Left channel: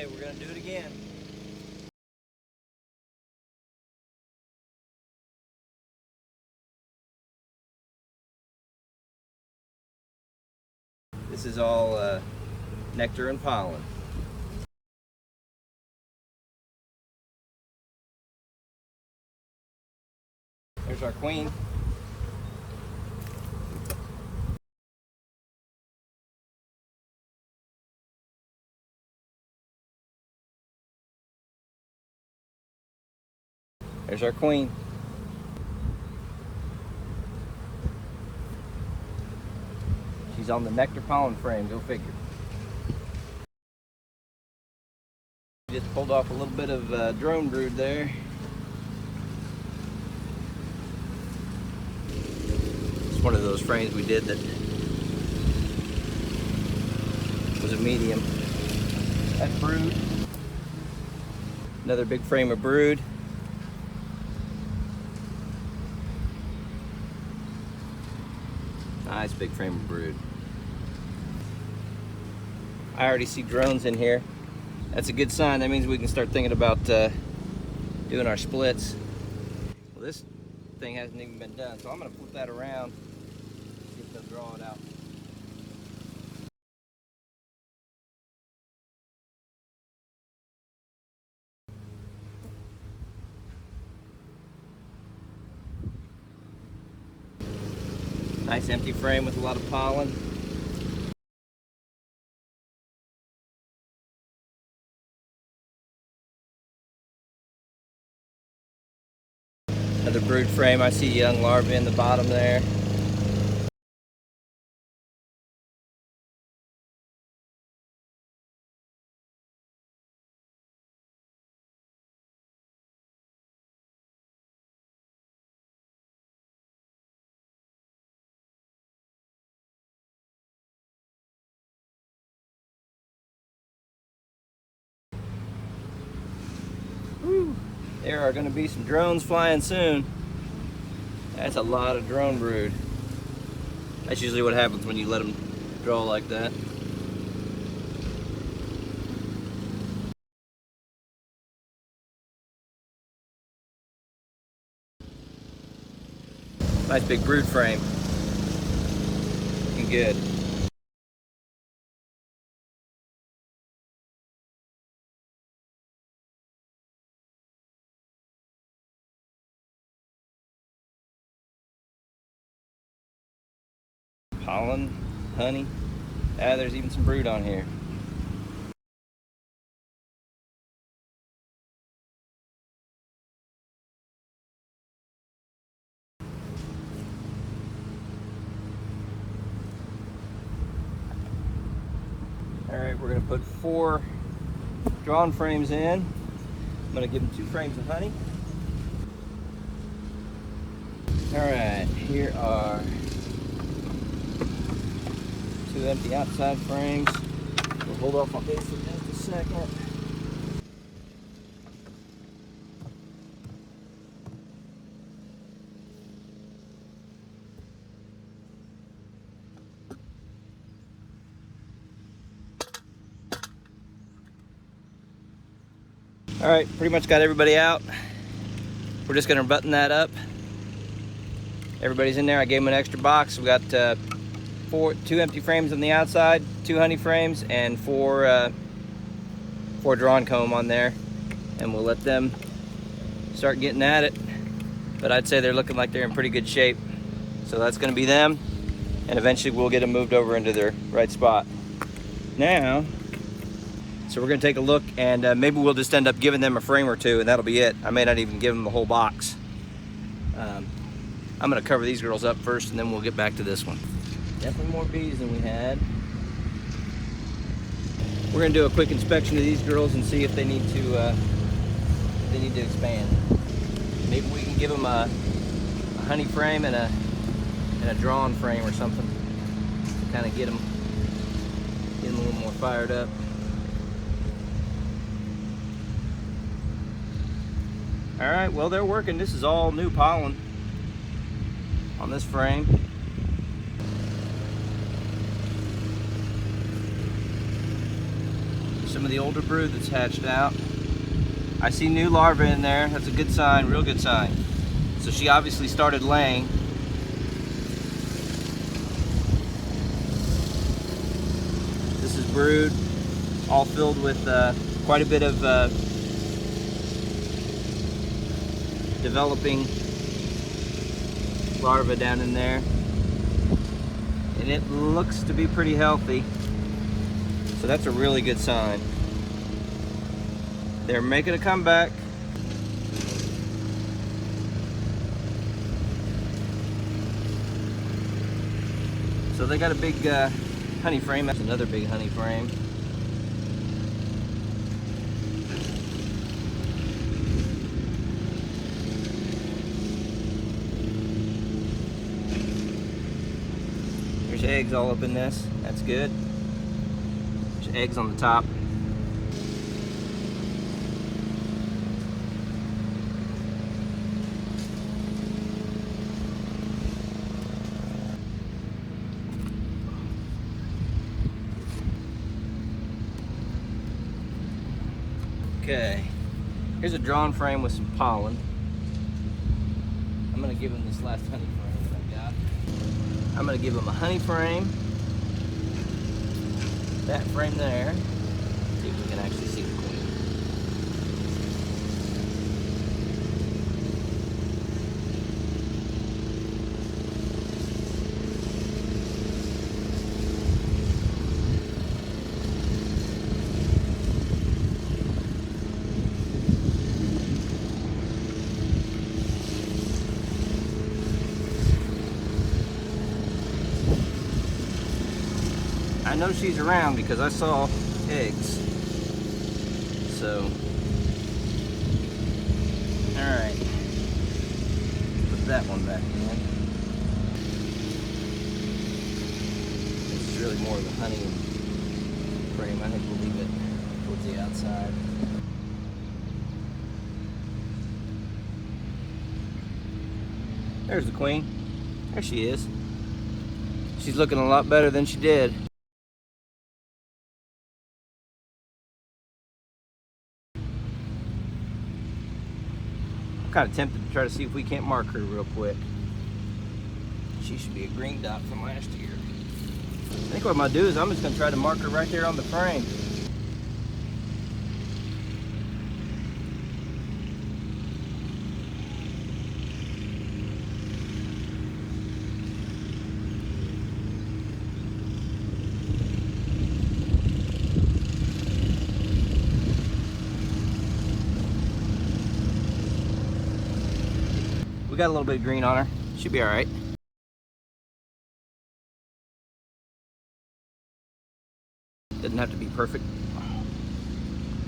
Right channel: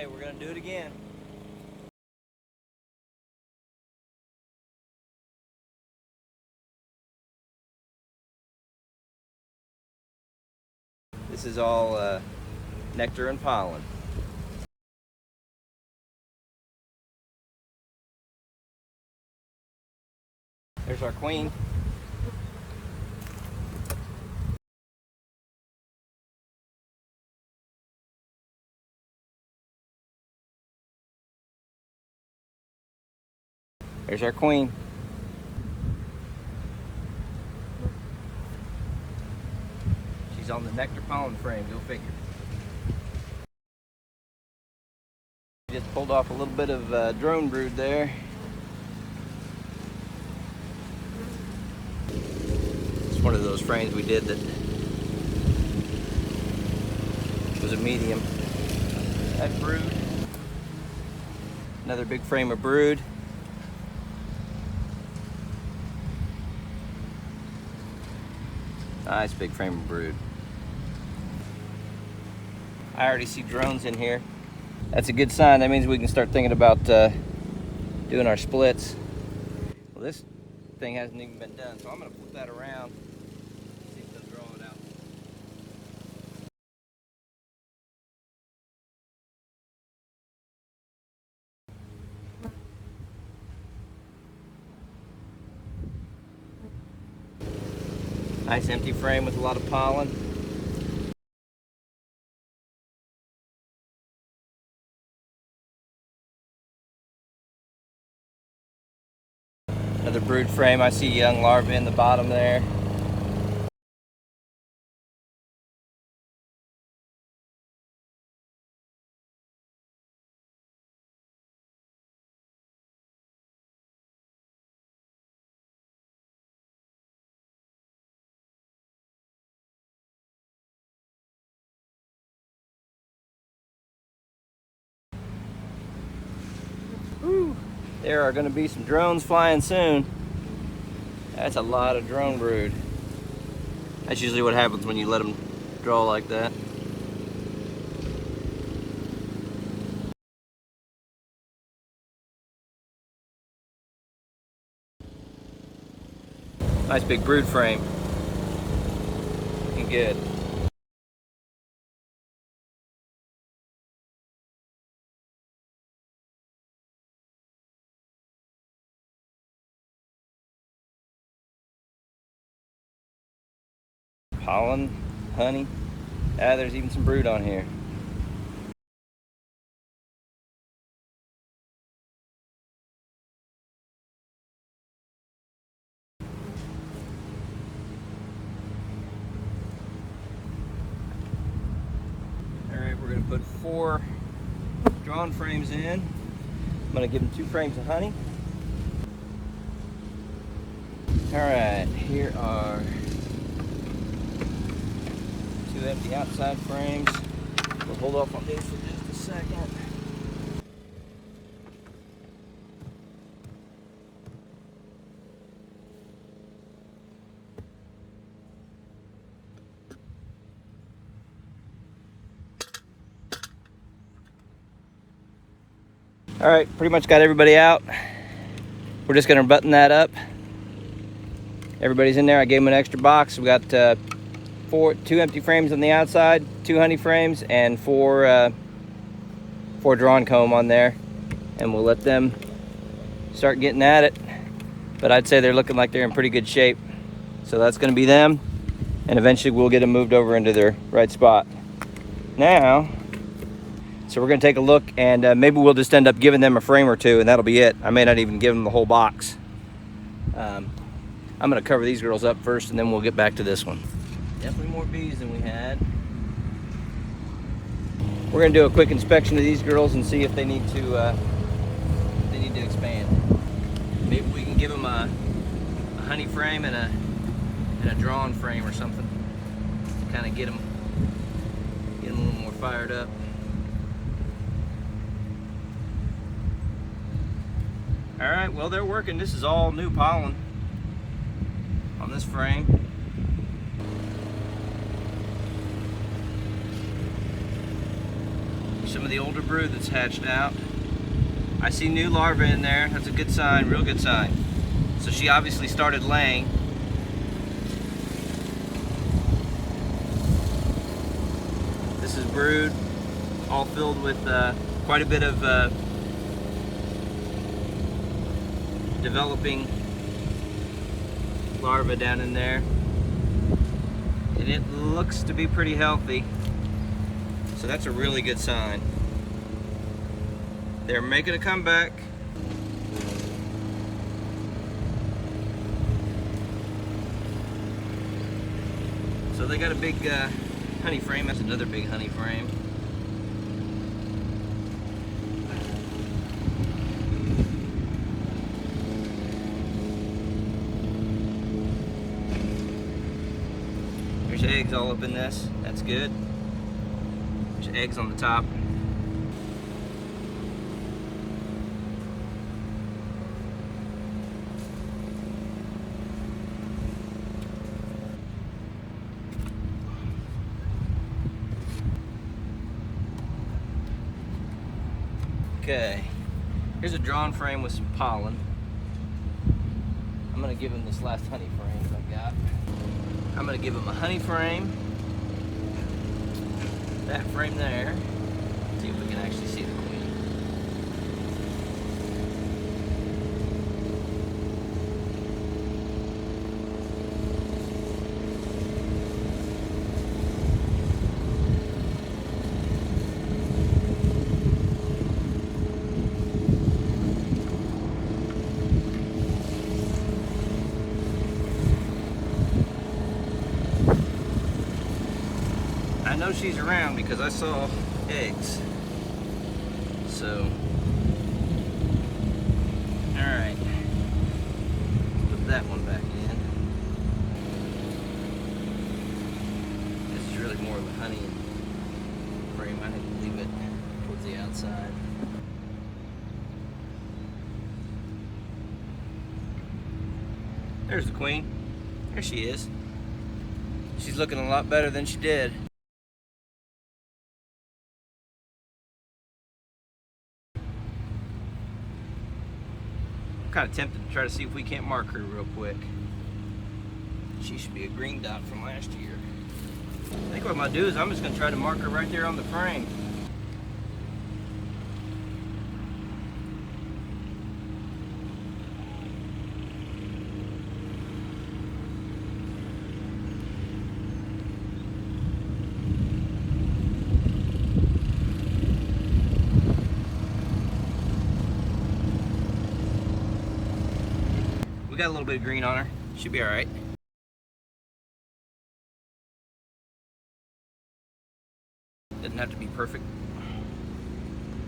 Okay, we're gonna do it again. This is all nectar and pollen. There's our queen. There's our queen. She's on the nectar pollen frame, go figure. Just pulled off a little bit of drone brood there. It's one of those frames we did that was a medium. That brood. Another big frame of brood. Nice big frame of brood. I already see drones in here. That's a good sign. That means we can start thinking about doing our splits. Well, this thing hasn't even been done, so I'm going to flip that around, see if they'll draw it out. Nice empty frame with a lot of pollen. Another brood frame. I see young larvae in the bottom there. Whew. There are going to be some drones flying soon. That's a lot of drone brood. That's usually what happens when you let them draw like that. Nice big brood frame. Looking good. Pollen, honey. Ah, there's even some brood on here. All right, we're gonna put 4 drawn frames in. I'm gonna give them 2 frames of honey. All right, here are 2 empty outside frames. We'll hold off on these for just a second. All right, pretty much got everybody out. We're just gonna button that up. Everybody's in there. I gave them an extra box. We got 2 empty frames on the outside, 2 honey frames, and 4 drawn comb on there. And we'll let them start getting at it. But I'd say they're looking like they're in pretty good shape. So that's gonna be them. And eventually we'll get them moved over into their right spot. Now, so we're gonna take a look, and maybe we'll just end up giving them a frame or 2, and that'll be it. I may not even give them the whole box. I'm gonna cover these girls up first, and then we'll get back to this one. Definitely more bees than we had. We're gonna do a quick inspection of these girls and see if they need to expand. Maybe we can give them a honey frame and a drawn frame or something to kind of get them a little more fired up. All right, well, they're working. This is all new pollen on this frame. some of the older brood that's hatched out. I see new larvae in there. That's a good sign, real good sign. So she obviously started laying. This is brood, all filled with quite a bit of developing larvae down in there. And it looks to be pretty healthy. So that's a really good sign. They're making a comeback. So they got a big honey frame. That's another big honey frame. There's eggs all up in this. That's good. There's eggs on the top. Okay, here's a drawn frame with some pollen. I'm gonna give him this last honey frame I got. I'm gonna give him a honey frame. That frame there. See if we can actually see the queen. I know she's around because I saw eggs. So, all right, put that one back in. This is really more of a honey frame. I think we'll leave it towards the outside. There's the queen. There she is. She's looking a lot better than she did. I'm kind of tempted to try to see if we can't mark her real quick. She should be a green dot from last year. I think what I'm gonna do is I'm just gonna try to mark her right there on the frame. We got a little bit of green on her. She'll be all right. Doesn't have to be perfect.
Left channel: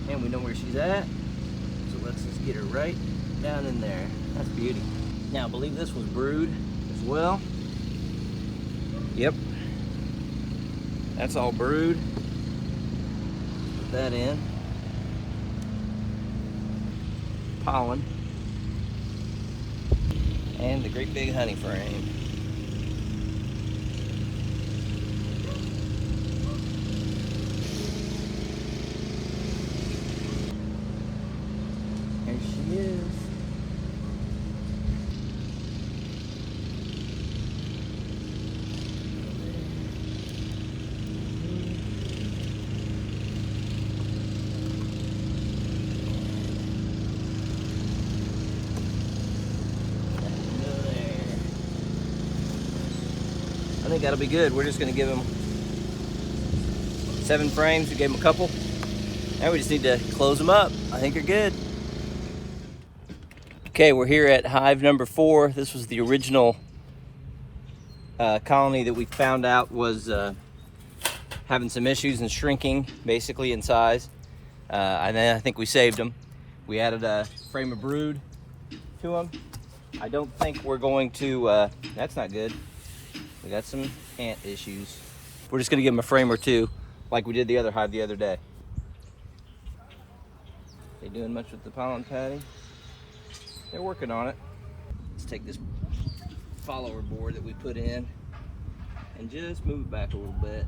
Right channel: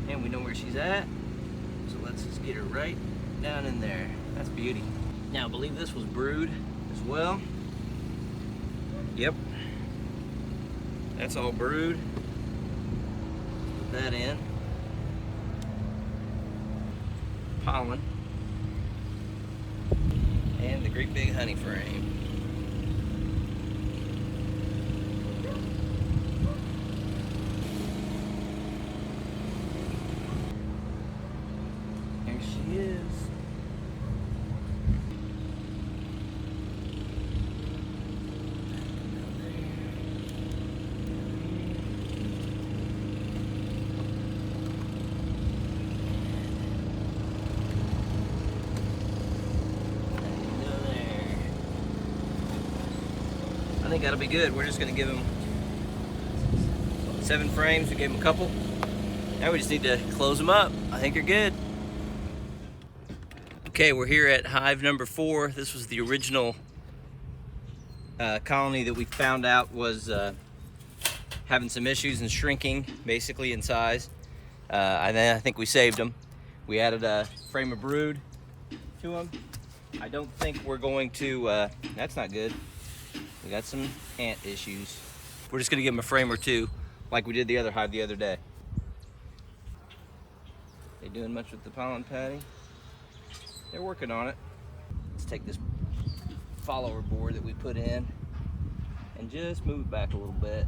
And we know where she's at. So let's just get her right down in there. That's beauty. Now I believe this was brood as well. Yep. That's all brood. Put that in. Pollen. And the great big honey frame. There she is. I think that'll be good. We're just gonna give them 7 frames. We gave them a couple. Now we just need to close them up. I think they're good. Okay, we're here at hive number 4. This was the original colony that we found out was having some issues and shrinking basically in size. And then I think we saved them. We added a frame of brood to them. I don't think we're going to, that's not good. We got some ant issues. We're just gonna give them a frame or 2 like we did the other hive the other day. They doing much with the pollen patty? They're working on it. Let's take this follower board that we put in and just move it back a little bit.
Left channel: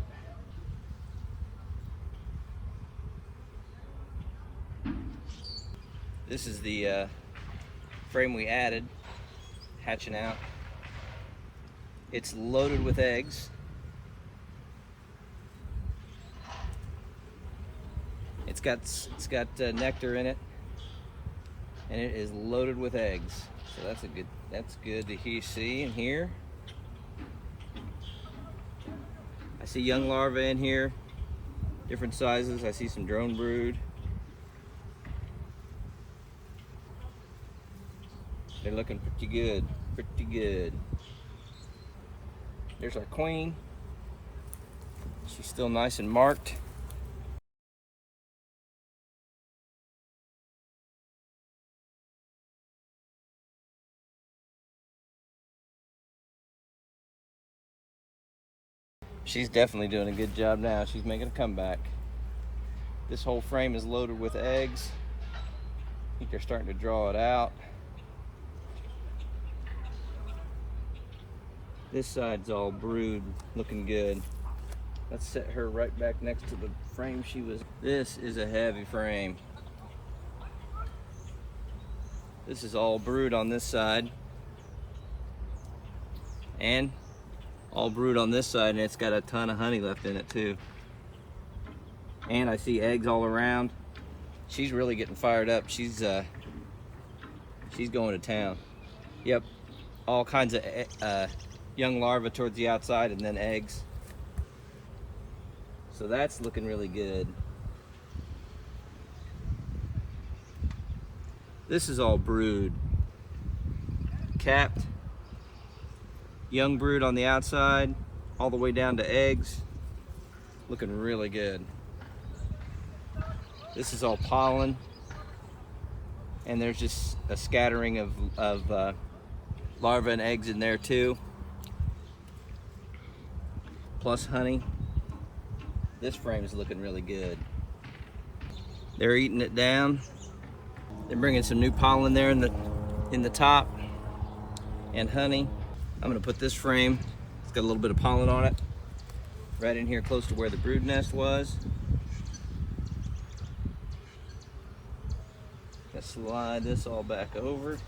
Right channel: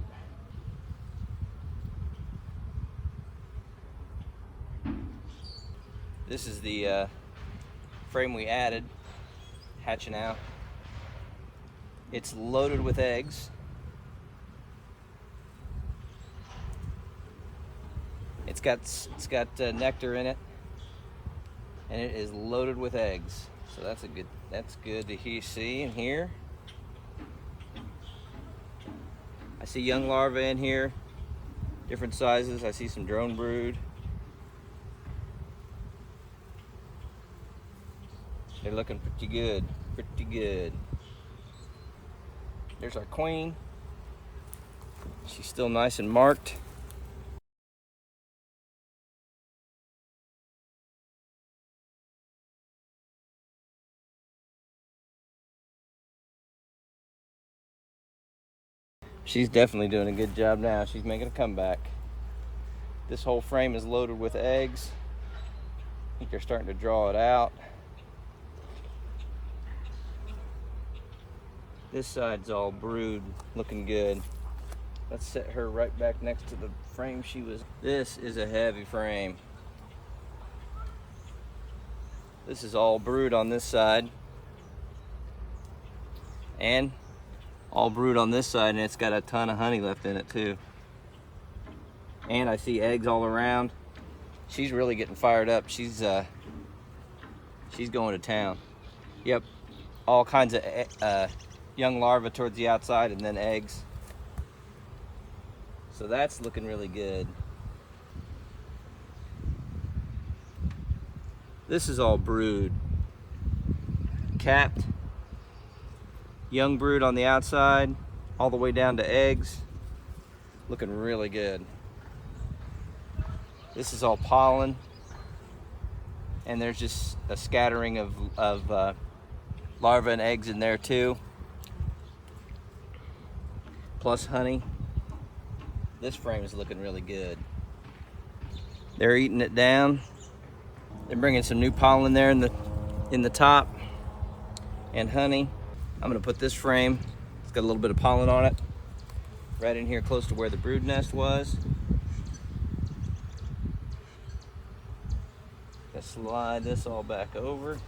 This is the frame we added, hatching out. It's loaded with eggs. It's got nectar in it, and it is loaded with eggs. So that's good to see and hear. I see young larvae in here, different sizes. I see some drone brood. They're looking pretty good, pretty good. There's our queen. She's still nice and marked. She's definitely doing a good job now. She's making a comeback. This whole frame is loaded with eggs. I think they're starting to draw it out. This side's all brood, looking good. Let's set her right back next to the frame she was. This is a heavy frame. This is all brood on this side. And all brood on this side, and it's got a ton of honey left in it too. And I see eggs all around. She's really getting fired up. She's going to town. Yep, all kinds of young larvae towards the outside, and then eggs. So that's looking really good. This is all brood, capped. Young brood on the outside, all the way down to eggs. Looking really good. This is all pollen, and there's just a scattering of larvae and eggs in there too, plus honey. This frame is looking really good. They're eating it down. They're bringing some new pollen there in the top, and honey. I'm gonna put this frame, it's got a little bit of pollen on it, right in here close to where the brood nest was. Let's slide this all back over.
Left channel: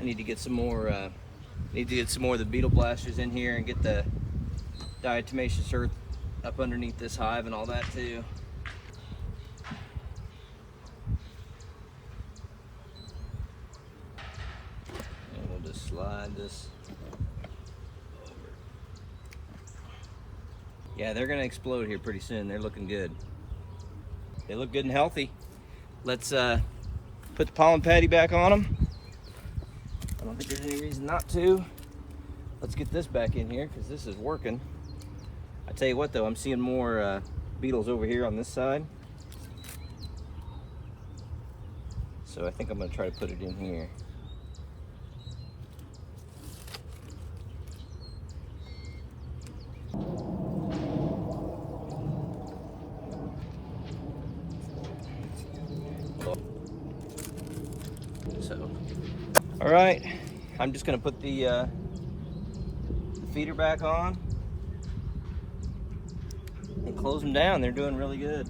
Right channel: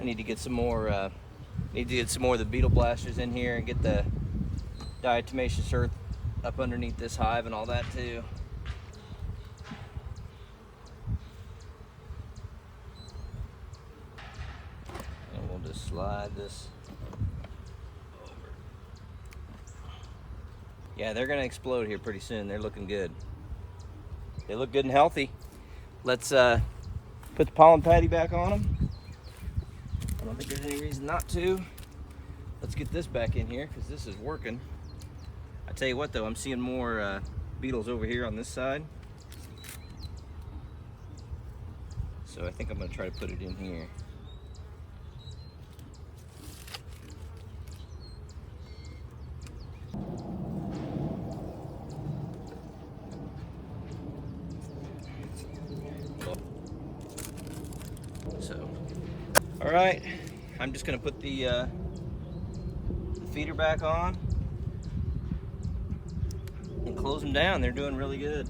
I need to get some more of the beetle blasters in here and get the diatomaceous earth up underneath this hive and all that too. Slide this over. Yeah, they're gonna explode here pretty soon. They're looking good. They look good and healthy. Let's put the pollen patty back on them. I don't think there's any reason not to. Let's get this back in here because this is working. I tell you what though, I'm seeing more beetles over here on this side. So I think I'm gonna try to put it in here. All right, I'm just gonna put the feeder back on and close them down. They're doing really good.